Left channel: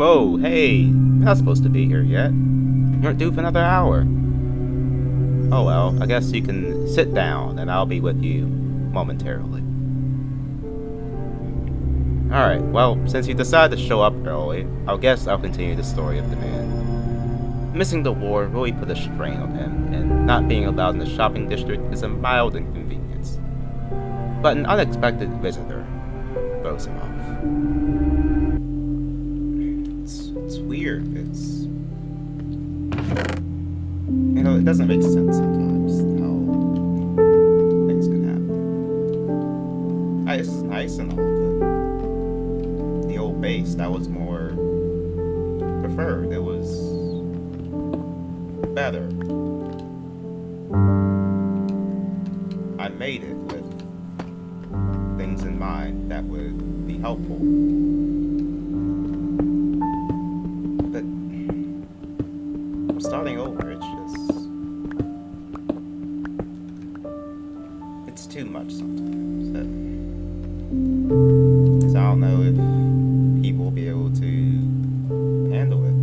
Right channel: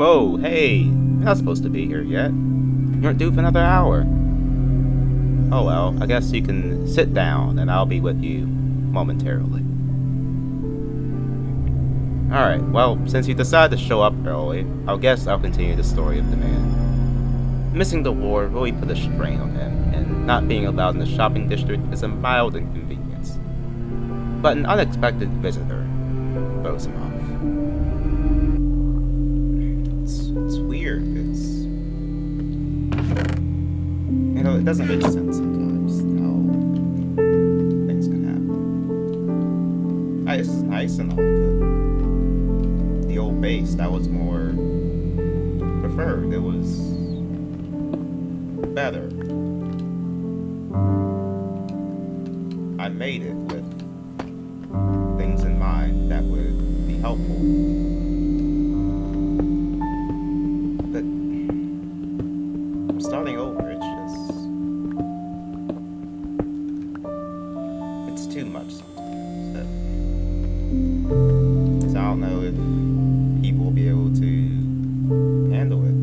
Whoa, hey, you're not supposed to be here yet. You aren't due for another hour. Oh well, I guess you can sit down and I'll be with you momentarily. Alright, well, since you decided to show up early, I guess I'll continue the story of DaMan. Missing the war really put a strain on him, and not being allowed in the shopping district is a mild inconvenience. But an unexpected visitor throws him off. It's weird. It doesn't make sense sometimes how things can happen. This is nice and all, but the old base, that was more preferred. It was better. I made it with things in mind that would be helpful. But starting over, it's too much sometimes. Because I don't know if people will be able to handle it.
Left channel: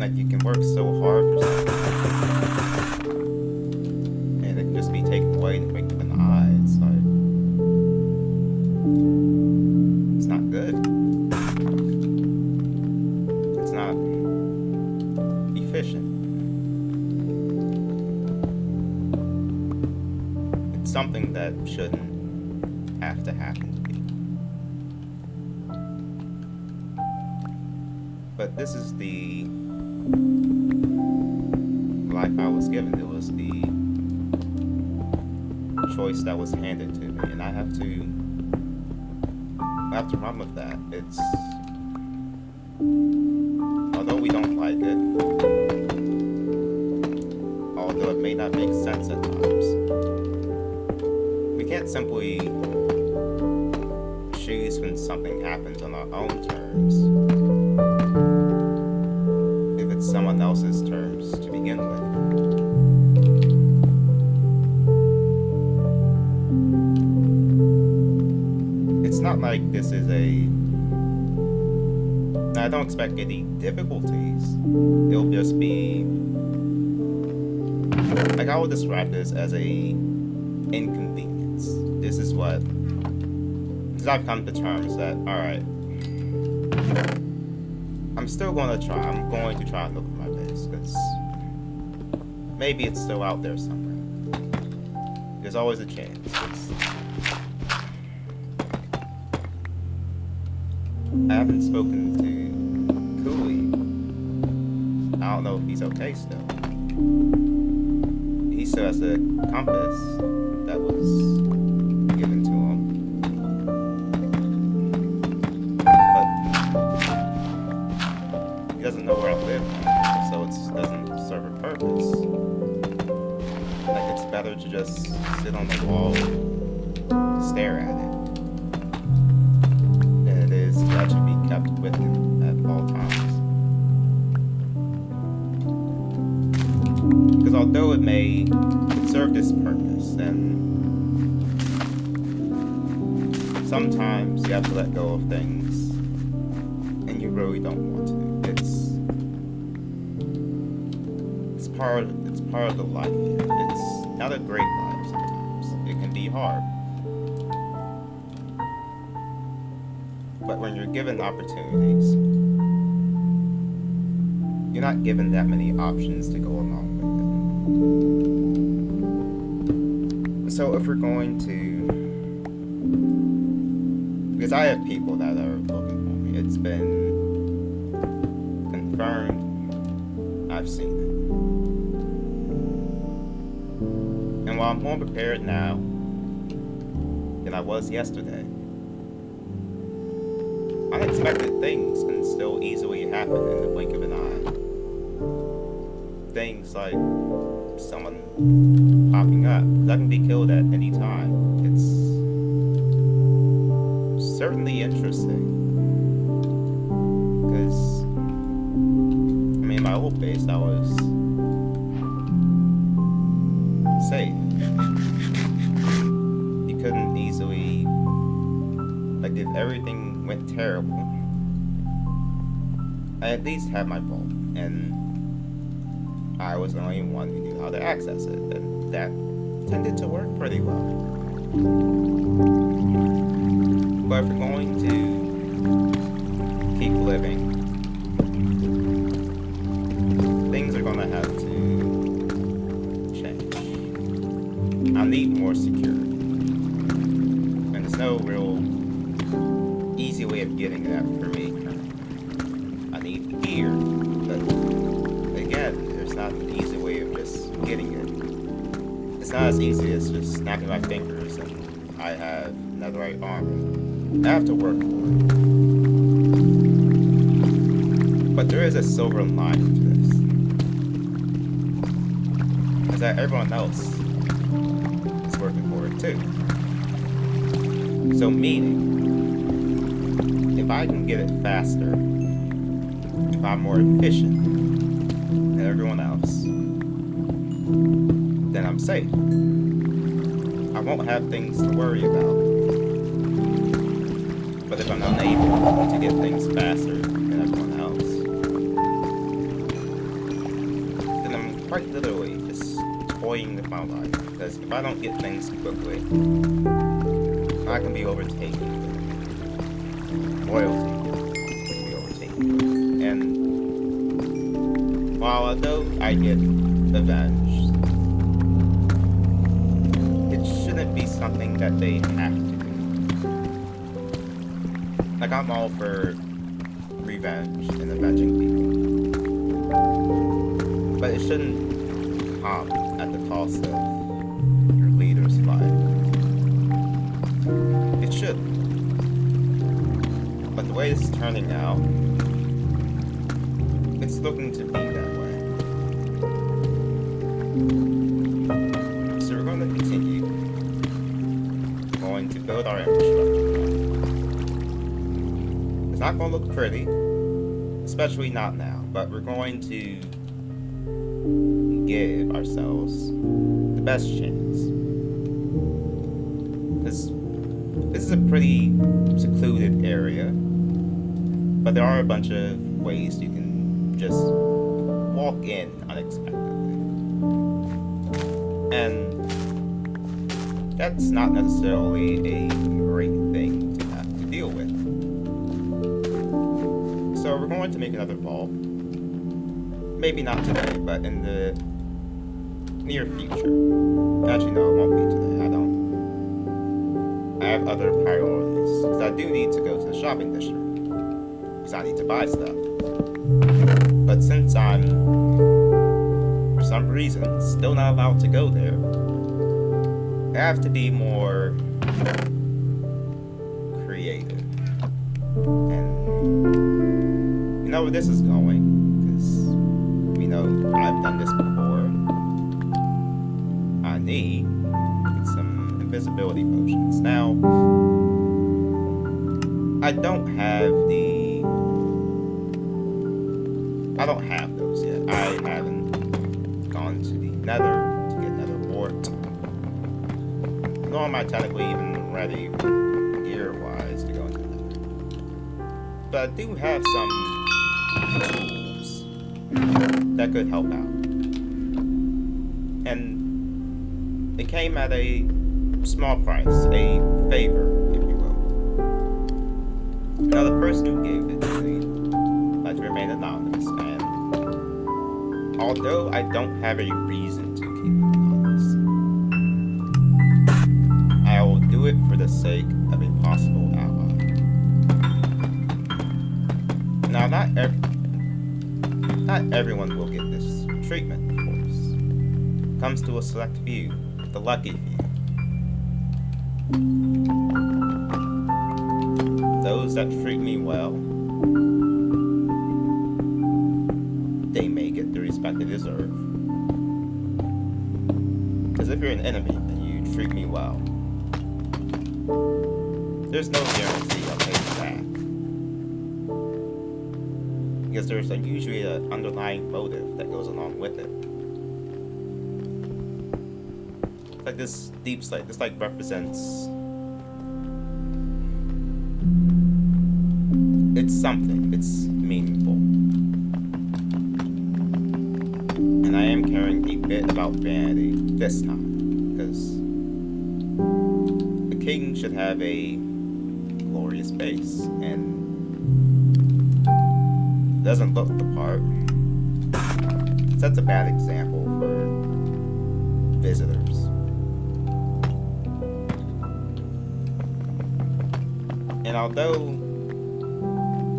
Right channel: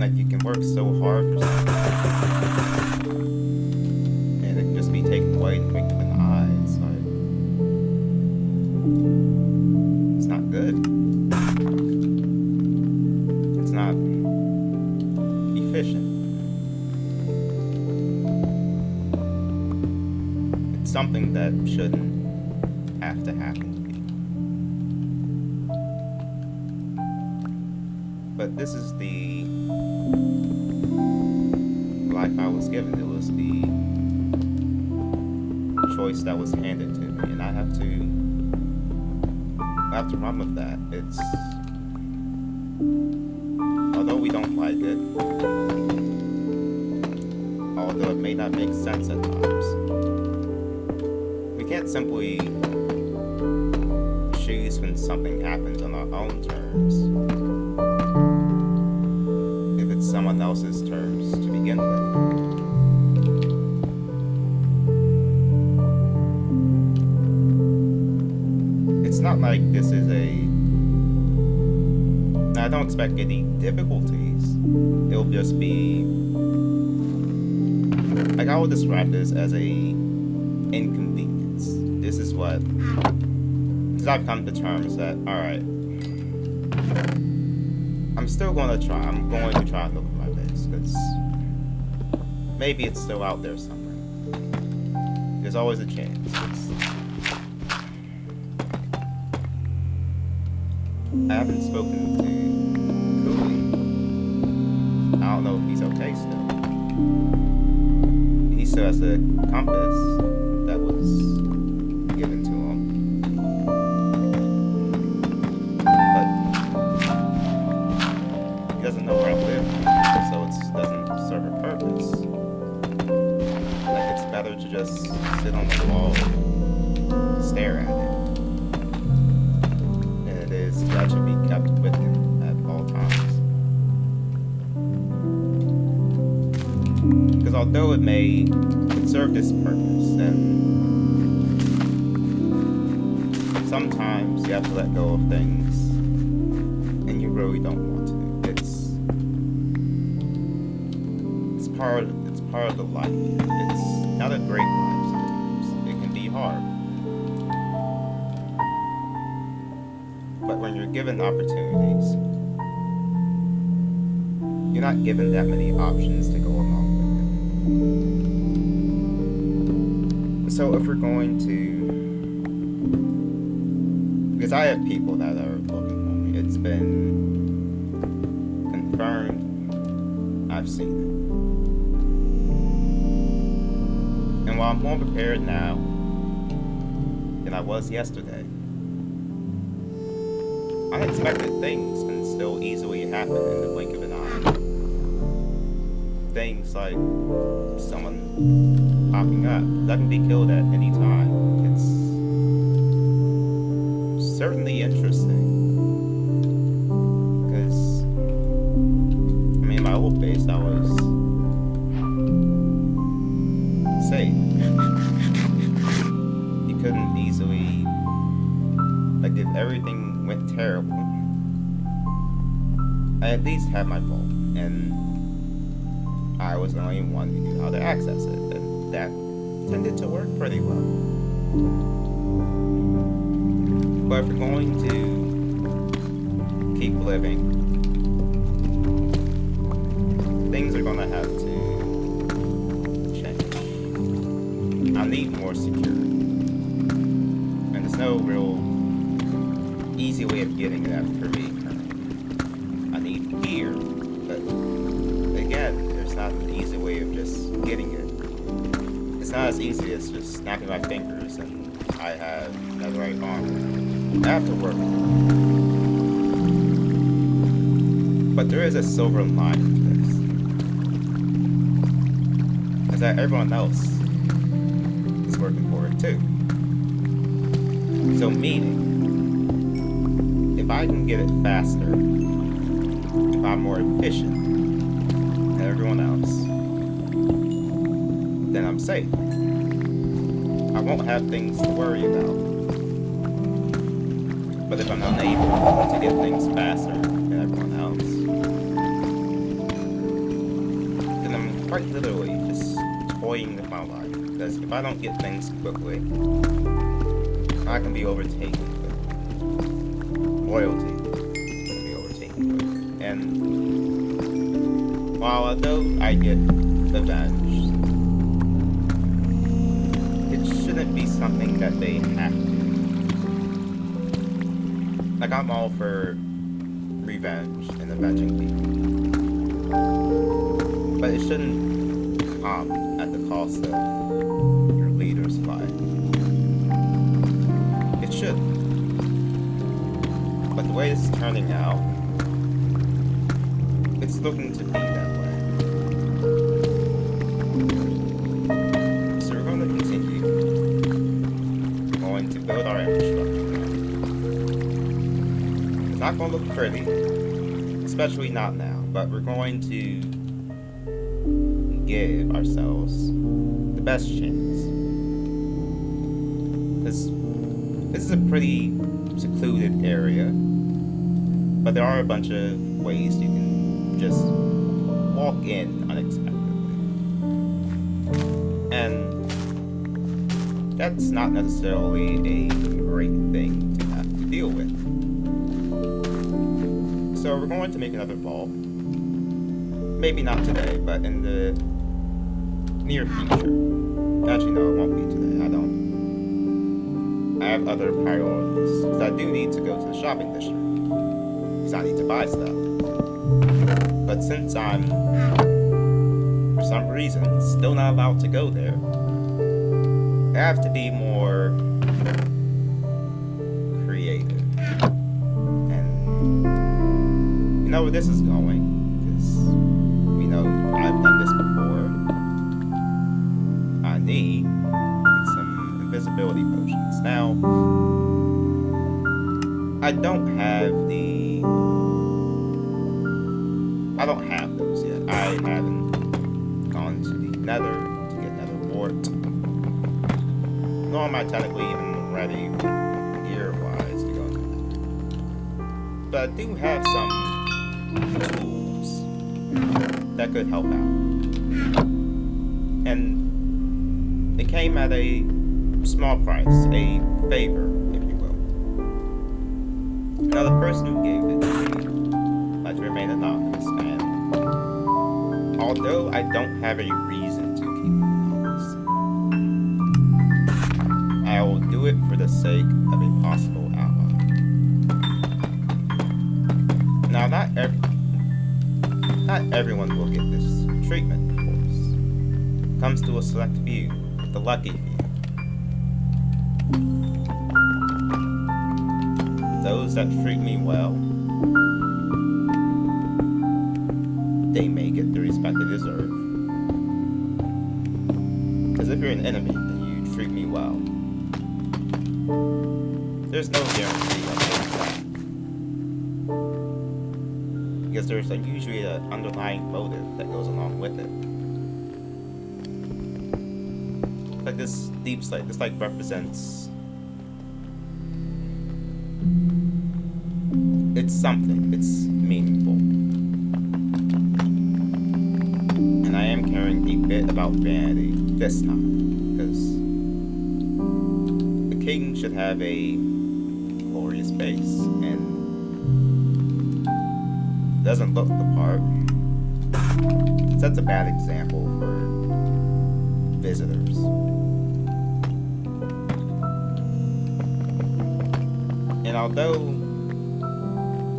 Like, you can work so hard for something, and it can just be taken away and make them in the eye. It's like, it's not good. It's not efficient. It's something that shouldn't have to happen to people. But this is the life I was given. It was the choice that was handed to me, and I have to run with that. It's, although we don't like it, although it may not make sense at times, we can't simply choose when something happens on our own terms if it's someone else's terms to begin with. It's not like this is I don't expect any difficulties. It'll just be, like, I would describe this as a inconvenience. This is what, because I've come to terms that, alright, I'm still going to try. I'm going to try and look for my base, because maybe it's still out there somewhere. There's always a chance. I haven't spoken to Cooley. I don't know if he's okay still. He still has a compass that was given to him. But he doesn't know where I live, so it doesn't serve a purpose. Like, it's better to just sit on the wall and stare at it than it is to actually be kept with him at all times. Because although it may serve this purpose, and sometimes you have to let go of things, and you really don't want to. It's part of the life here. It's not a great life sometimes. It can be hard. But when you're given opportunities, you're not given that many options to go along with it. So if we're going to, because I have people that are looking for me, it's been confirmed, I've seen it. And while I'm more prepared now than I was yesterday, unexpected things can still easily happen in the blink of an eye. Things like someone popping up, that can be killed at any time. It's certainly interesting. Because, I mean, in my old base, I was safe. You couldn't easily, like, if everything went terrible, I at least had my vault, and I was the only one who knew how to access it, and that tended to work pretty well. But if we're going to keep living, things are gonna have to change. I need more security. And there's no real easy way of getting that for me currently. I need gear, but again, there's not an easy way of just getting it. It's not as easy as just snapping my fingers and I have netherite armor. I have to work for it. But there is a silver lining to this. Is that everyone else is working for it too. So meaning, if I can get it faster, if I'm more efficient than everyone else, then I'm safe. I won't have things to worry about. But if I'm unable to get things faster than everyone else, then I'm quite literally just toying with my life. Because if I don't get things quickly, I can be overtaken. Loyalty can be overtaken. And while although I get avenged, it shouldn't be something that they have to do. Like, I'm all for revenge and avenging people. But it shouldn't come at the cost of your leader's life. It should. But the way this is turning out, it's looking to be that way. So we're going to continue. We're going to build our infrastructure now. It's not going to look pretty, especially not now, but we're going to give ourselves the best chance. Because this is a pretty secluded area, but there are a bunch of ways you can just walk in unexpectedly. And that's not necessarily a great thing to have to deal with. So we're going to make another vault. Maybe not today, but in the near future. Actually, no, it won't be today. I have other priorities. Because I do need to go to the shopping district. Because I need to buy stuff. But since I'm, for some reason, still not allowed to go there, I have to be more creative. And you know where this is going. Because we know I've done this before. I need invisibility potions. Now, I don't have those yet. I haven't gone to the nether to get nether wart. Nor am I technically even ready gear-wise to go into the nether. But I do have some tools that could help out. And it came at a small price, a favor, if you will. Now, the person who gave it to me likes to remain anonymous, and although I don't have a reason to keep it anonymous, I will do it for the sake of a possible ally. Now, not everyone will get this treatment, of course. It comes to a select few, the lucky few. Those that treat me well, they may get the respect they deserve. Because if you're an enemy and you treat me well, there's no guarantee I'll pay you back. Because there's usually an underlying motive that goes along with it. Like this deep slate, this like represents, it's something, it's meaningful. And I am caring a bit about vanity this time, because the king should have a glorious base, and doesn't look the part. Sets a bad example for visitors. And although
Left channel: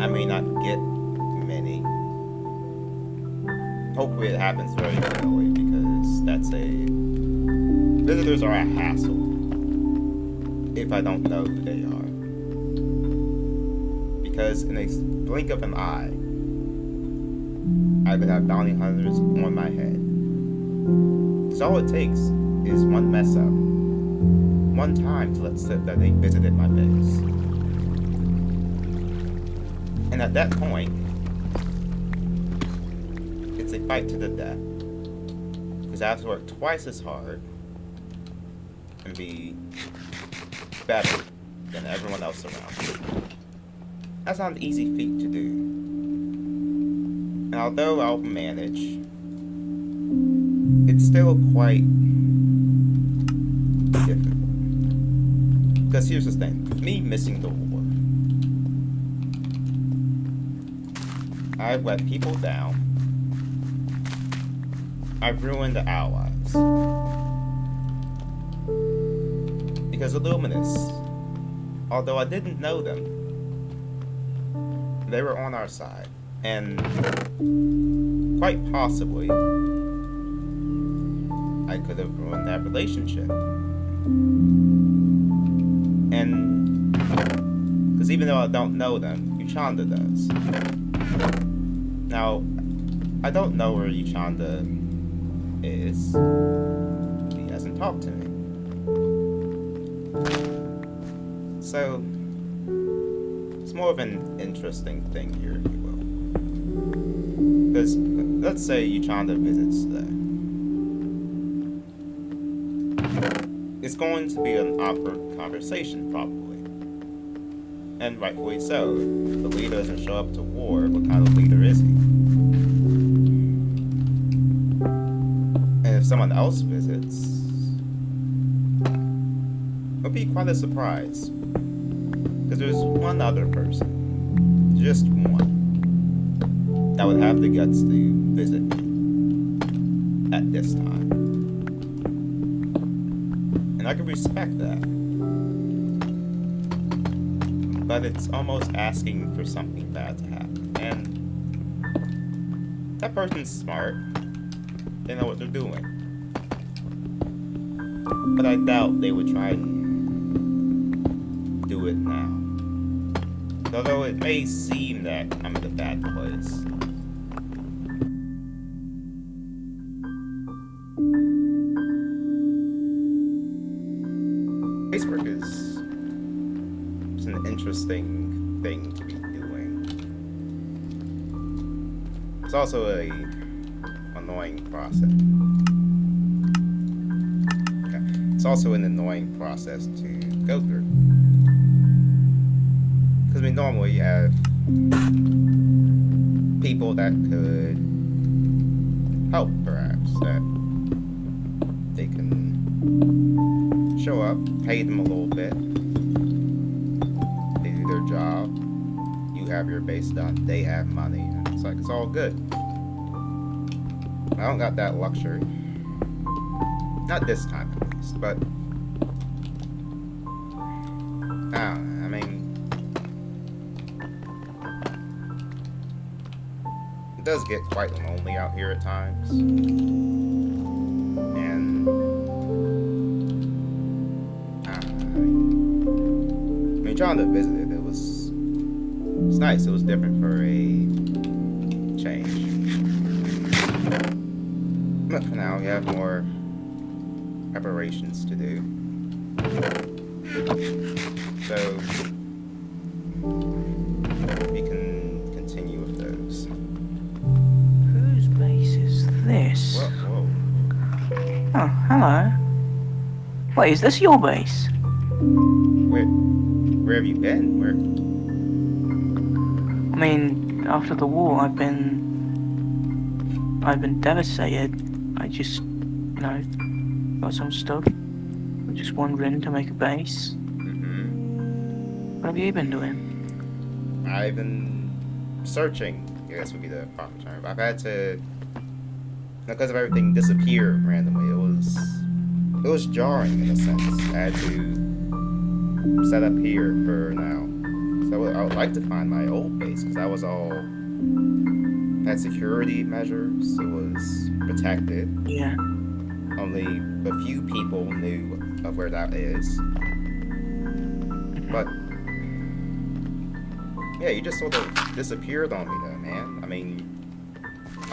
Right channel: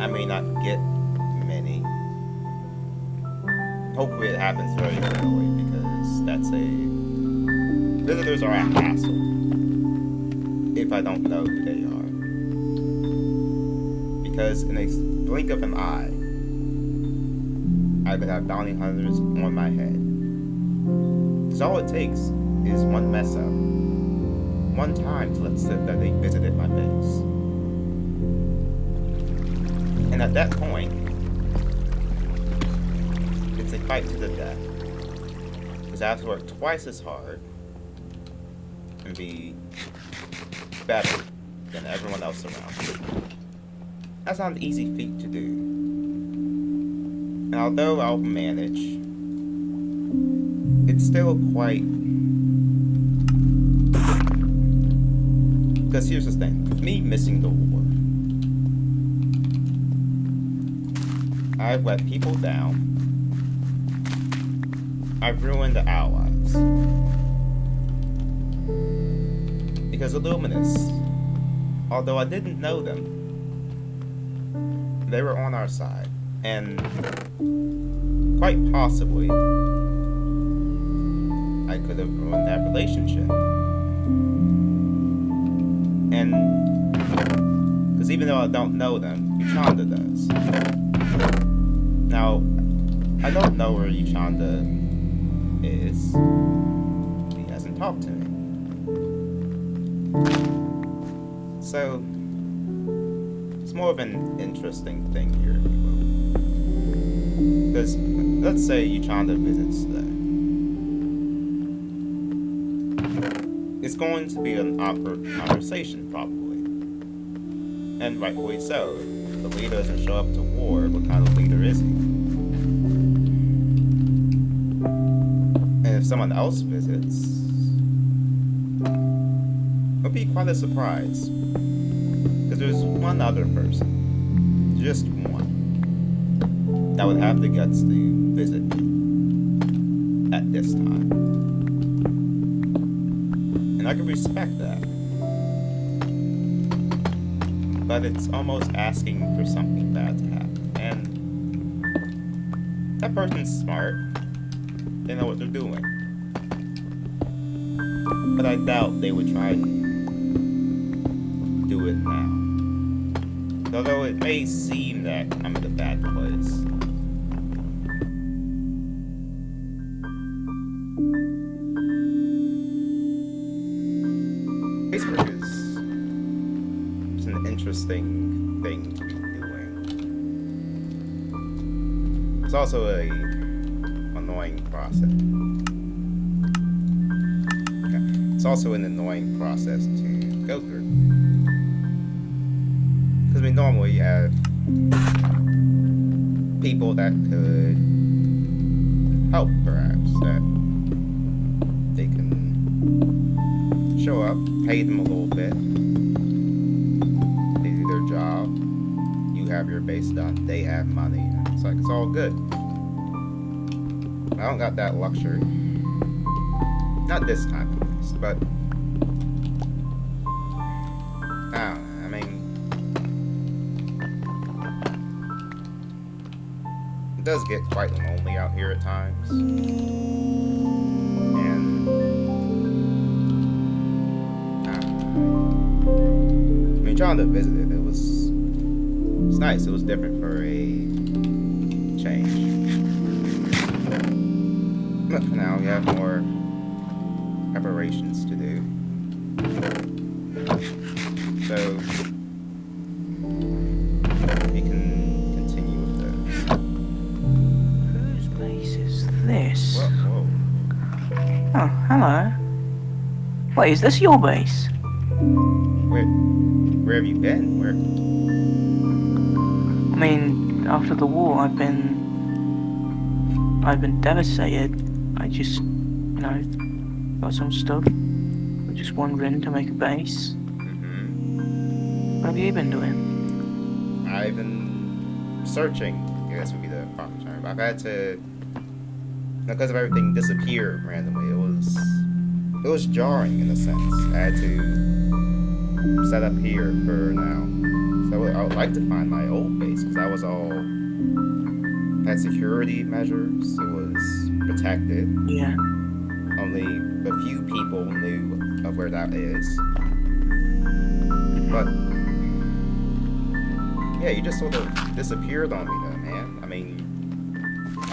I may not get many, hopefully it happens very early, because visitors are a hassle if I don't know who they are. Because in a blink of an eye, I could have bounty hunters on my head. Because all it takes is one mess up, one time to let slip that they visited my base. And at that point, it's a fight to the death. Because I have to work twice as hard and be better than everyone else around me. That's not an easy feat to do. And although I'll manage, it's still quite difficult. Because here's the thing, with me missing the war, I've let people down. I've ruined the allies. Because Illuminists, although I didn't know them, they were on our side. And quite possibly, I could have ruined that relationship. And because even though I don't know them, Unchada does. Now, I don't know where Unchada is. He hasn't talked to me. So, it's more of an interesting thing here, if you will. Because, let's say Unchada visits today. It's going to be an awkward conversation, probably. And rightfully so. If the leader doesn't show up to war, what kind of leader is he? And if someone else visits, it'll be quite a surprise. Because there's one other person, just one, that would have the guts to visit me at this time. And I can respect that. But it's almost asking for something bad to happen. And that person's smart. They know what they're doing. But I doubt they would try to do it now. Although it may seem that I'm in a bad place. Facebook is an interesting thing to be doing. It's also a annoying process. Okay. It's also an annoying process to go through. Because we normally have people that could help, perhaps, that they can show up, pay them a little bit, they do their job, you have your base done, they have money, and it's like, it's all good. I don't got that luxury. Not this time, at least, but I don't know, I mean, it does get quite lonely out here at times. And I mean, trying to visit it, it's nice. It was different for a change. But for now, we have more preparations to do. So we can continue with those. Whose base is this? Whoa. Oh, hello. Wait, is this your base? Where have you been? Where? I mean, after the war, I've been I've been devastated. I just, got some stuff. I'm just wandering to make a base. What have you been doing? I've been searching, I guess would be the proper term. I've had to, because of everything disappear randomly, it was jarring in a sense. I had to set up here for now. So I would like to find my old base, because that was all, had security measures, it was protected. Yeah. Only a few people knew of where that is. But yeah, you just sort of disappeared on me though, man. I mean,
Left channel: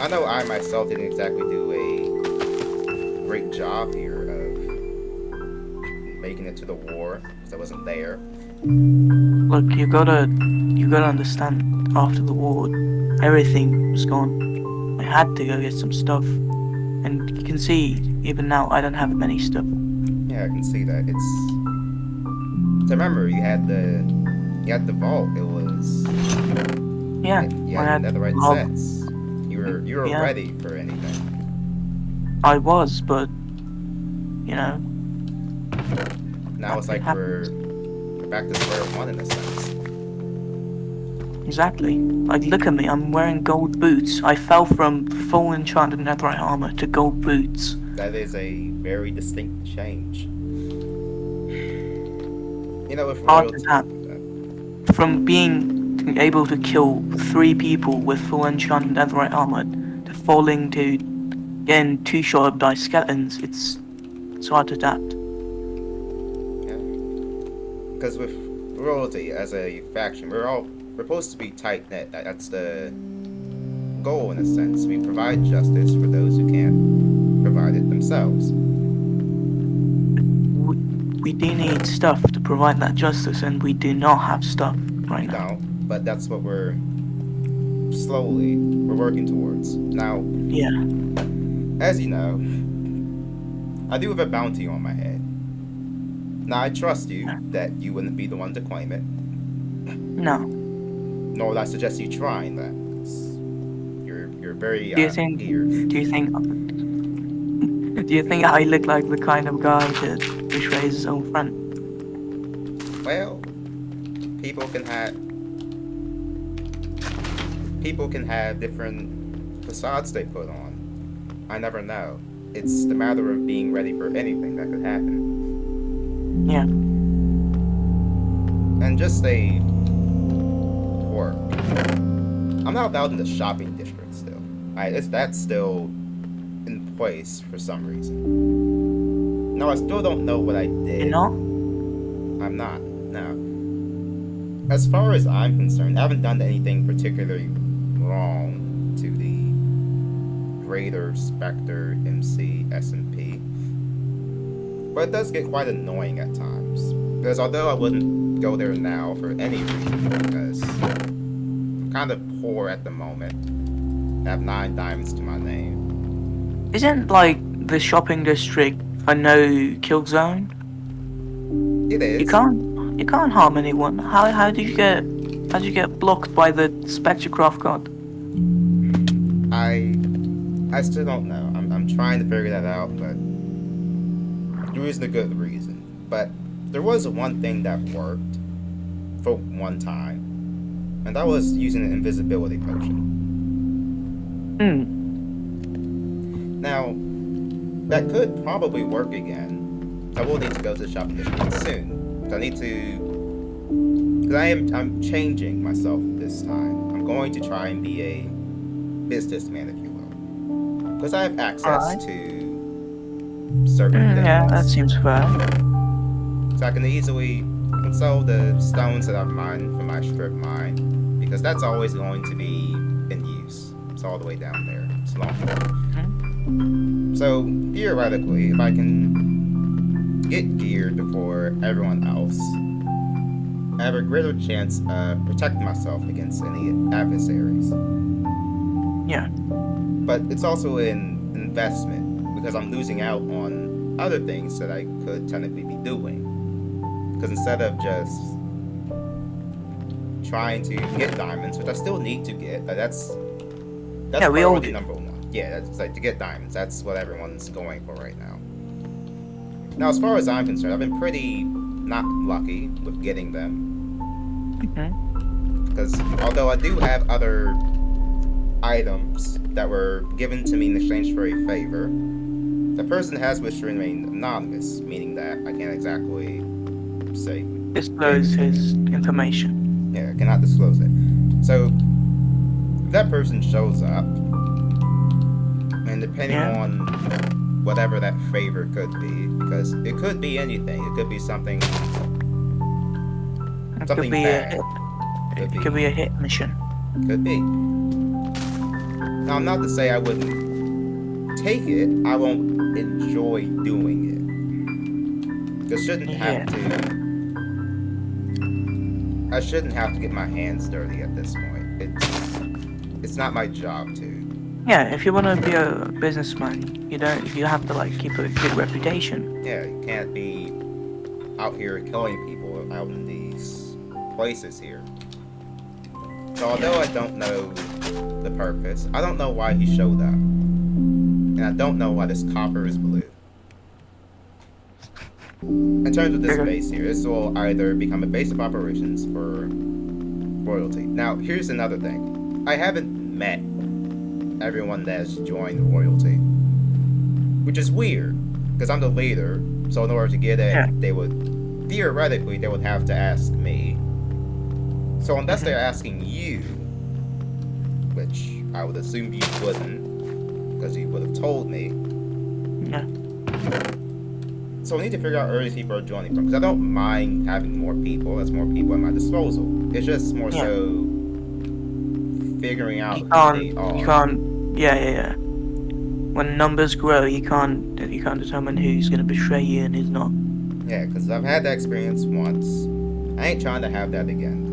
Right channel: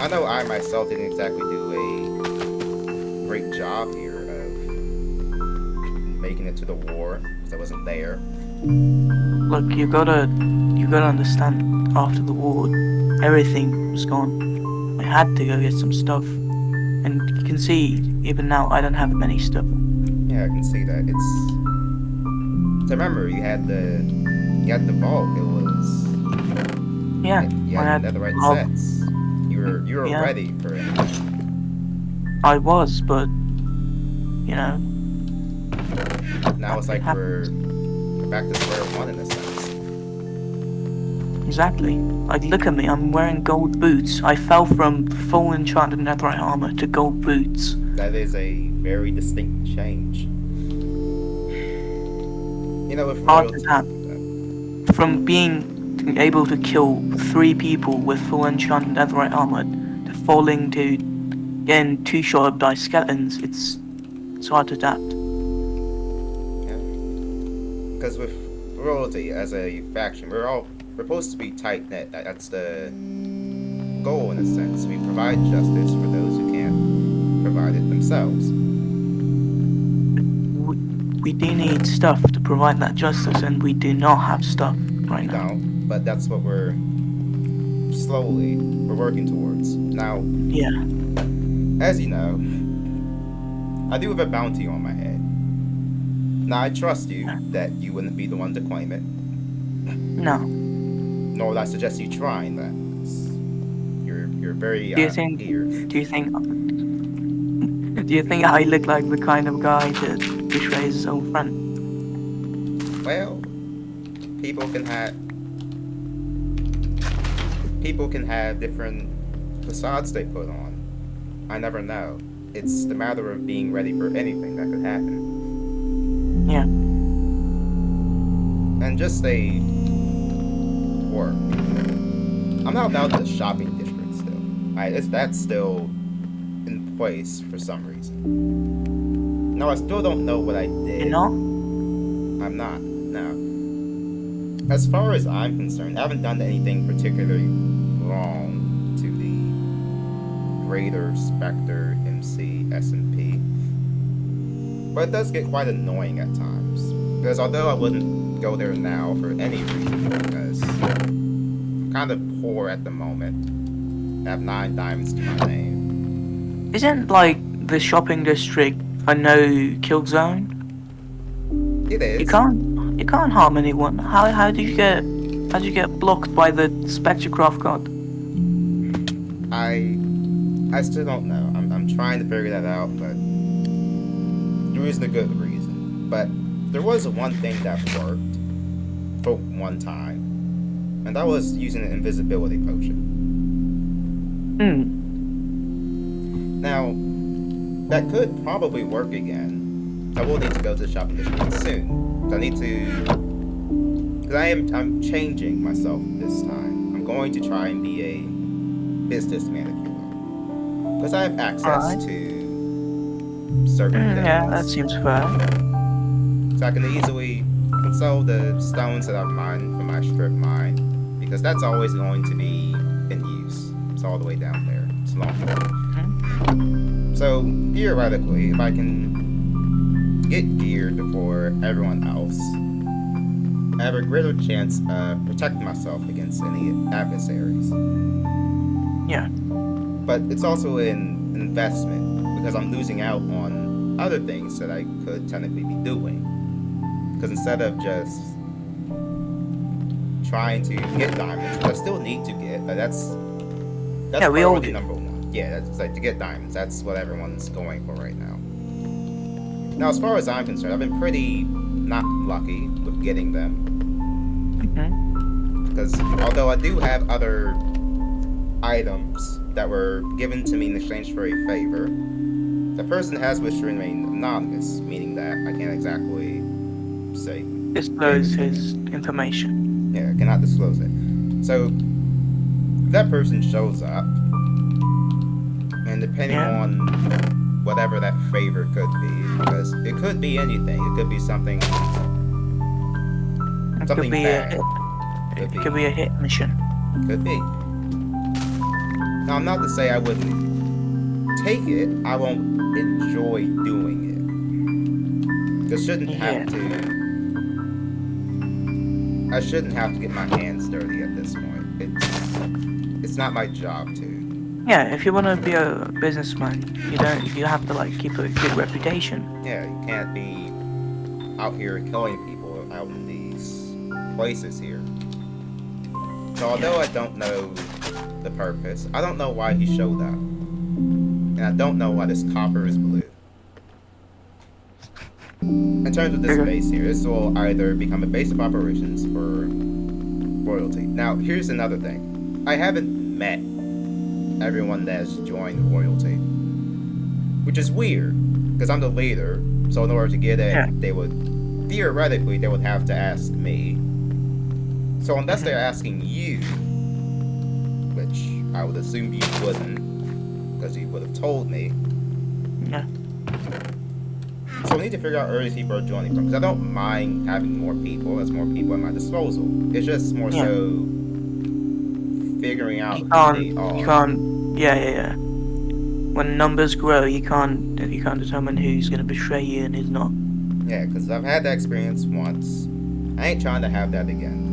I know I myself didn't exactly do a great job here of making it to the war, because I wasn't there. Look, you gotta understand, after the war, everything was gone. I had to go get some stuff. And you can see, even now, I don't have many stuff. Yeah, I can see that. So remember, you had the vault. It was... Yeah, You I had had the right love. sets. You were Yeah. ready for anything. I was, but Now it's like we're happens. back to square one in a sense. Exactly. Like, look at me, I'm wearing gold boots. I fell from full enchanted netherite armor to gold boots. That is a very distinct change. With royalty... From being able to kill 3 people with full enchanted netherite armor to falling to getting 2-shot by skeletons, it's hard to adapt. Yeah. Because with royalty as a faction, we're supposed to be tight-knit. That's the goal in a sense. We provide justice for those who can't provide it themselves. We do need stuff to provide that justice, and we do not have stuff right now. We don't, but that's what we're working towards. Now, Yeah. as you know, I do have a bounty on my head. Now, I trust you that you wouldn't be the one to claim it. No. Nor would I suggest you trying that. You're very Do you think I look like the kind of guy to betray his own friend? Well, people can have different facades they put on. I never know. It's the matter of being ready for anything that could happen. Yeah. And just a work. I'm not out in the shopping district still. That's still in place for some reason. No, I still don't know what I did. You're not? I'm not. No. As far as I'm concerned, I haven't done anything particularly wrong to the greater Spectre, MC, SMP. But it does get quite annoying at times. Because although I wouldn't go there now for any reason, because I'm kind of poor at the moment. I have 9 diamonds to my name. Isn't, like, the shopping district a no kill zone? It is. You can't harm anyone. How did you get blocked by the Specturecraft god? I still don't know. I'm trying to figure that out, but there isn't a good reason. But there was one thing that worked for one time, and that was using an invisibility potion. Now, that could probably work again. I will need to go to the shopping district soon. I need to, because I'm changing myself this time. I'm going to try and be a businessman, if you will, because I have access to certain things. Yeah, that seems fair. So I can easily sell the stones that I've mined from my strip mine, because that's always going to be in use. It's all the way down there. It's long. So theoretically, if I can get geared before everyone else, I have a greater chance of protecting myself against any adversaries. Yeah. But it's also an investment, because I'm losing out on other things that I could technically be doing. Because instead of just trying to get diamonds, which I still need to get, that's priority number 1. Yeah, that's like to get diamonds. That's what everyone's going for right now. Now, as far as I'm concerned, I've been pretty not lucky with getting them. Because although I do have other items that were given to me in exchange for a favor, the person has wished to remain anonymous, meaning that I can't exactly say Disclose his information. yeah, I cannot disclose it. So if that person shows up, and depending Yeah. on whatever that favor could be, because it could be anything. It could be something It could something be a bad. hit. It could be a hit mission. Could be. Now I'm not to say I wouldn't take it. I won't enjoy doing it. I shouldn't have Yeah. to. I shouldn't have to get my hands dirty at this point. It's not my job to. Yeah, if you want to be a businessman, you have to like keep a good reputation. Yeah, you can't be out here killing people out in these places here. So although I don't know the purpose, I don't know why he showed up. And I don't know why this copper is blue. In terms of this base here, this will either become a base of operations for royalty. Now, here's another thing. I haven't met everyone that has joined royalty, which is weird, because I'm the leader, so in order to get it, they would have to ask me. So unless they're asking you, which I would assume you wouldn't, because you would have told me. Yeah. So we need to figure out where these people are joining from, because I don't mind having more people. That's more people at my disposal. It's just more so figuring out who they are. You can't. Yeah. When numbers grow, you can't determine who's gonna betray you and who's not. Yeah, because I've had that experience once. I ain't trying to have that again.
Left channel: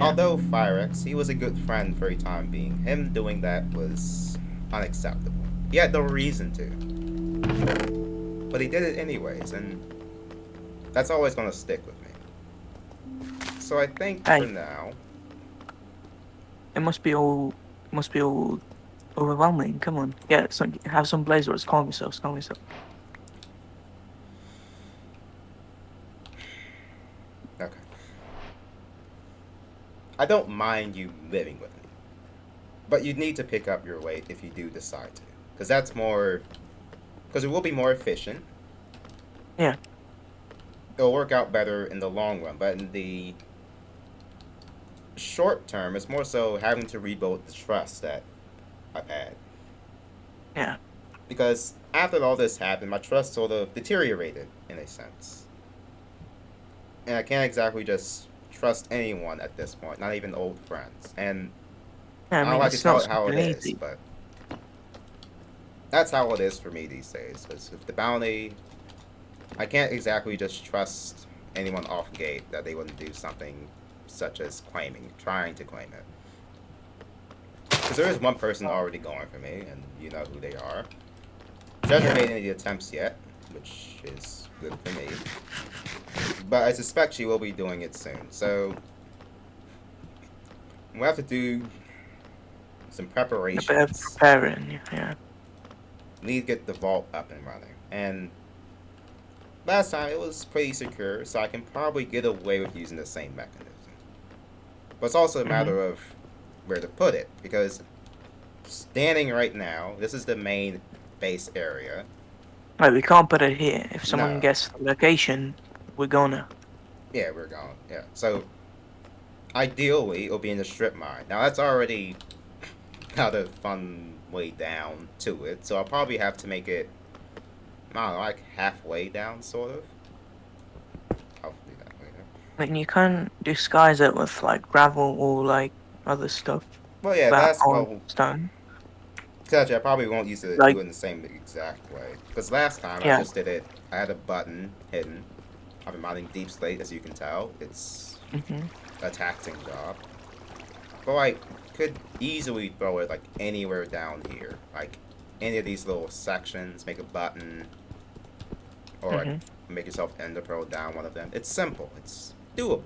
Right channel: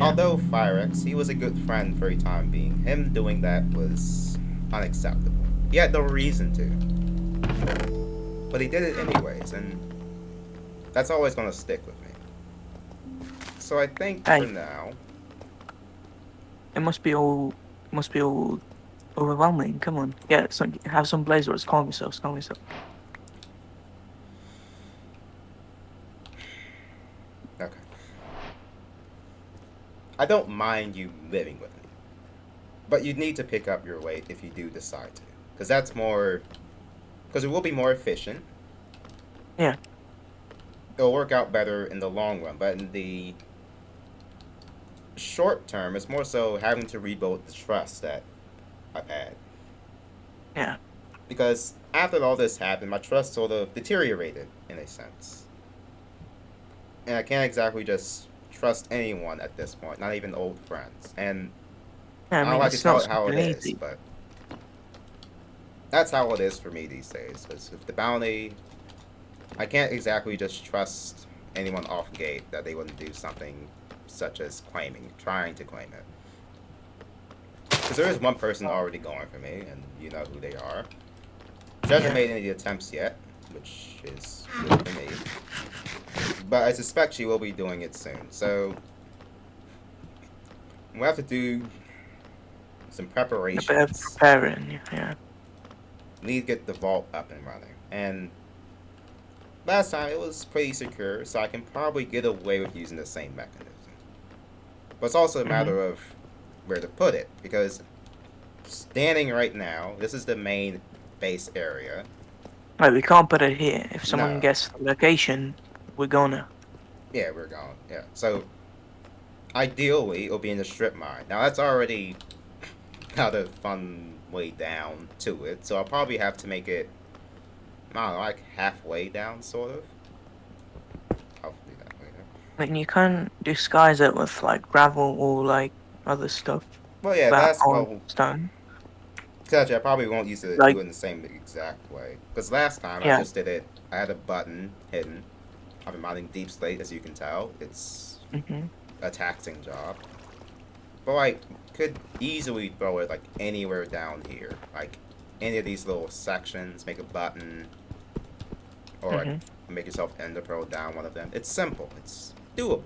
Although Firex, he was a good friend for a time being. Him doing that was unacceptable. He had no reason to. But he did it anyways, and that's always going to stick with me. So I think for now... It must be all overwhelming. Come on. Yeah, have some blazers. Calm yourself. Okay. I don't mind you living with me. But you need to pick up your weight if you do decide to. Because that's more... Because it will be more efficient. Yeah. It'll work out better in the long run. But in the short term, it's more so having to rebuild the trust that I've had. Yeah. Because after all this happened, my trust sort of deteriorated, in a sense. And I can't exactly just trust anyone at this point, not even old friends. And I don't like to tell it how it is, but that's how it is for me these days. Because with the bounty, I can't exactly just trust anyone off gate that they wouldn't do something such as trying to claim it. Because there is one person already going for me, and you know who they are. She hasn't made any attempts yet, which is good for me. But I suspect she will be doing it soon, so we'll have to do some preparations. A bit of preparing, yeah. Need to get the vault up and running. And last time it was pretty secure, so I can probably get away with using the same mechanism. But it's also a matter of where to put it, because standing right now, this is the main base area. Right, we can't put it here. If someone gets the location, we're gonna. Yeah, we're gone. Yeah. So ideally, it'll be in the strip mine. Now that's already got a fun way down to it, so I'll probably have to make it, I don't know, like halfway down, sort of. I'll do that later. I mean, you can't disguise it with like gravel or like other stuff. Well, yeah, that's stone. Actually, I probably won't use it do it in the same exact way, because last time I just did it. I had a button hidden. I've been mining deep slate, as you can tell. It's a taxing job. But I could easily throw it like anywhere down here. Like any of these little sections, make a button. Or like, make yourself ender pearl down one of them. It's simple. It's doable.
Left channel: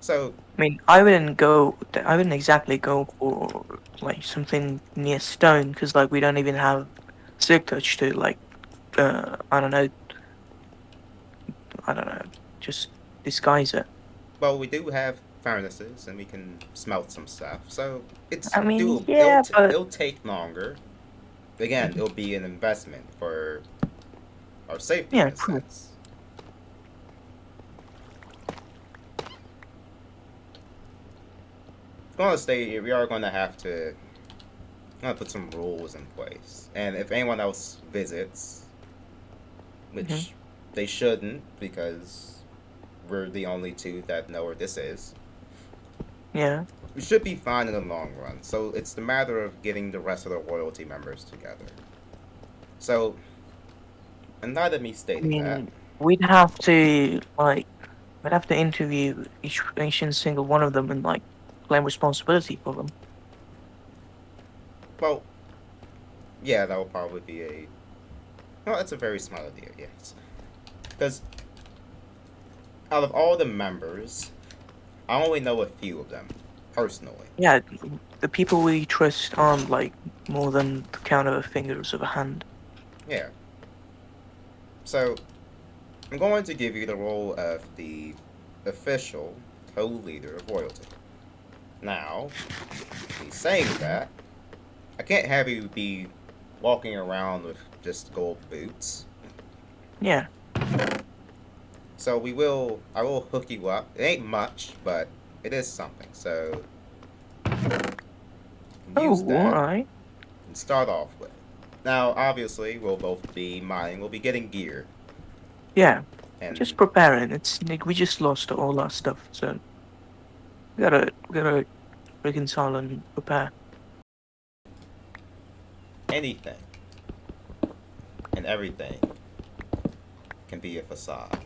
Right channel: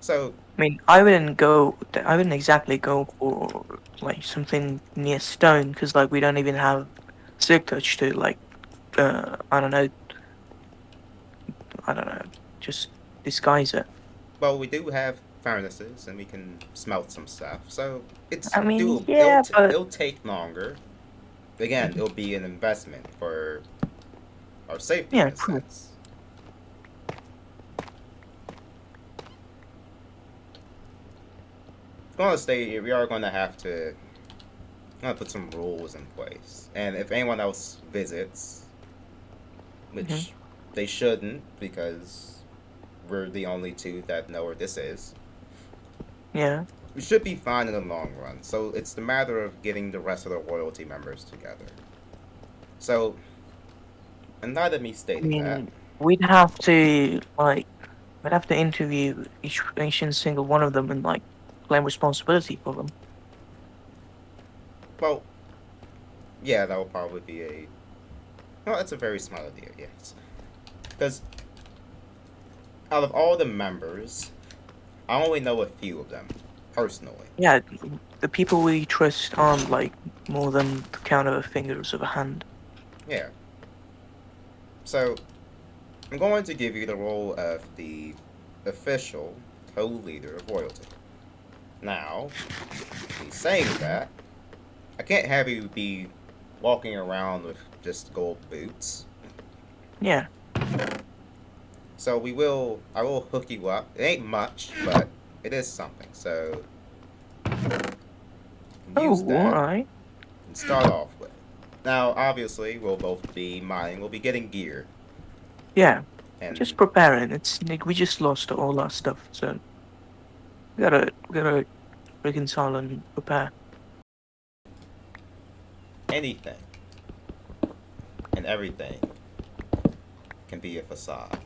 So, I mean, I wouldn't go. I wouldn't exactly go for like something near stone because like we don't even have silk touch to like I don't know, I don't know, just disguise it. well, we do have furnaces and we can smelt some stuff. So it's I mean, doable. yeah, but It'll take longer. Again, mhm, it'll be an investment for our safety in yeah, a true. sense. Going to stay, we are going to have to put some rules in place. And if anyone else visits, Hmm. which they shouldn't because we're the only two that know where this is, Yeah, we should be fine in the long run. So it's the matter of getting the rest of the royalty members together. So, and not of me I stating that, mean, we'd have to like we'd have to interview each and single one of them and like claim responsibility for them. well, yeah, that will probably be a. No, that's a very smart idea, yes. Because out of all the members, I only know a few of them personally. Yeah, the people we trust aren't like more than the count of the fingers of a hand. Yeah. So I'm going to give you the role of the official co-leader of royalty. Now, in saying Mhm. that, I can't have you be walking around with just gold boots. Yeah, So I will hook you up. It ain't much, but it is something. So use oh, that alright. and start off with. Now, obviously, we'll both be mining. We'll be getting gear, Yeah, and just preparing. It's like we just lost all our stuff, so we gotta reconcile and prepare. anything and everything can be a facade.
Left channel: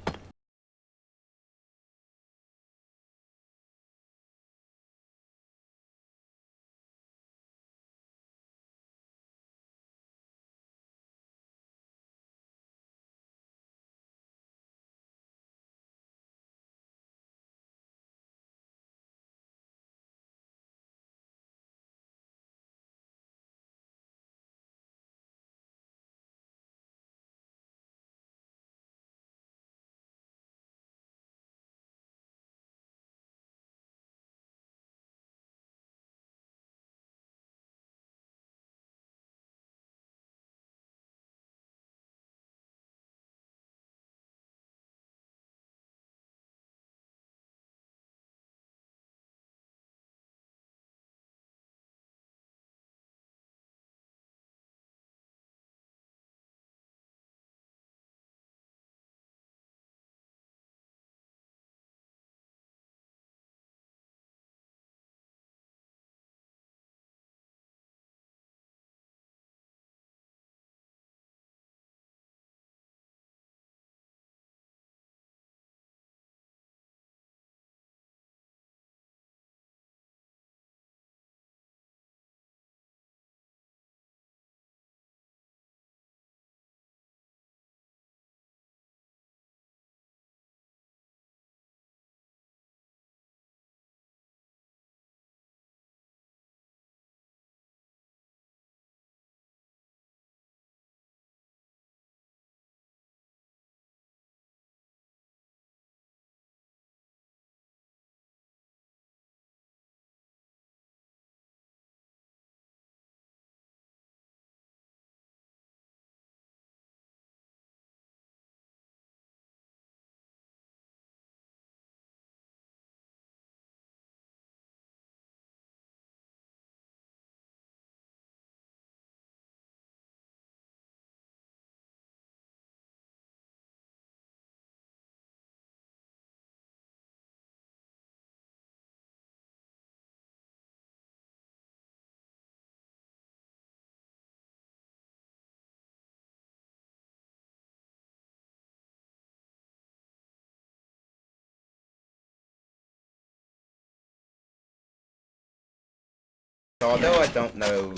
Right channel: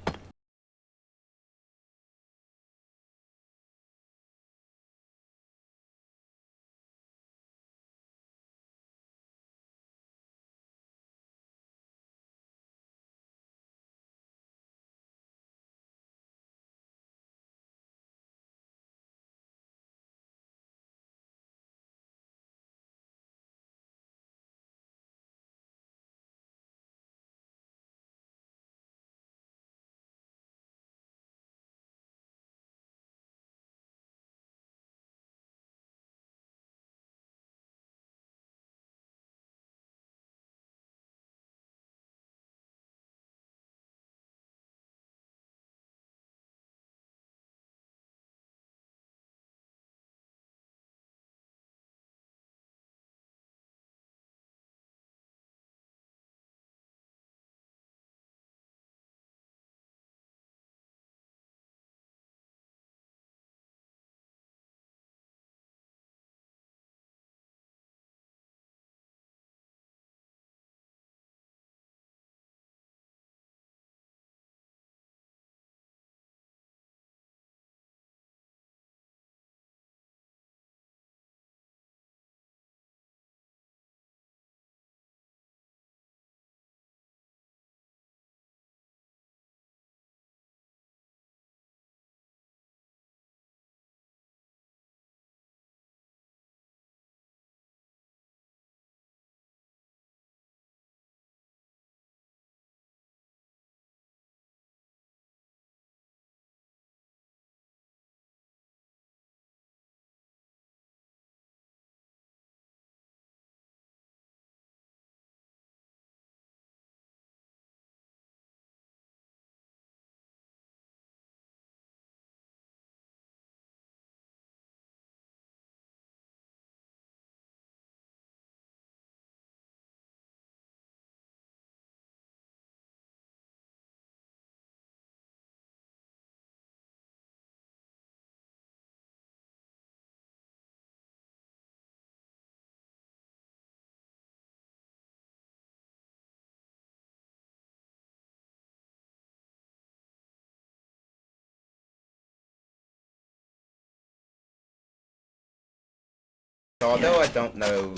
So Yeah. although I don't know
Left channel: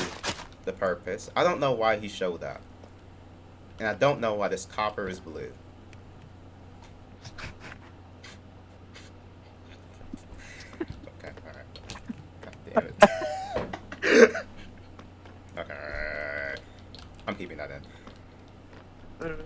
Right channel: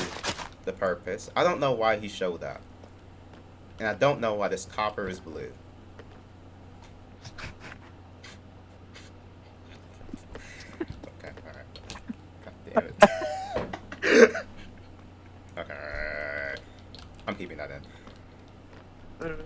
the purpose, I don't know why he showed up, and I don't know why this copper is blue. damn it. Okay. I'm keeping that in.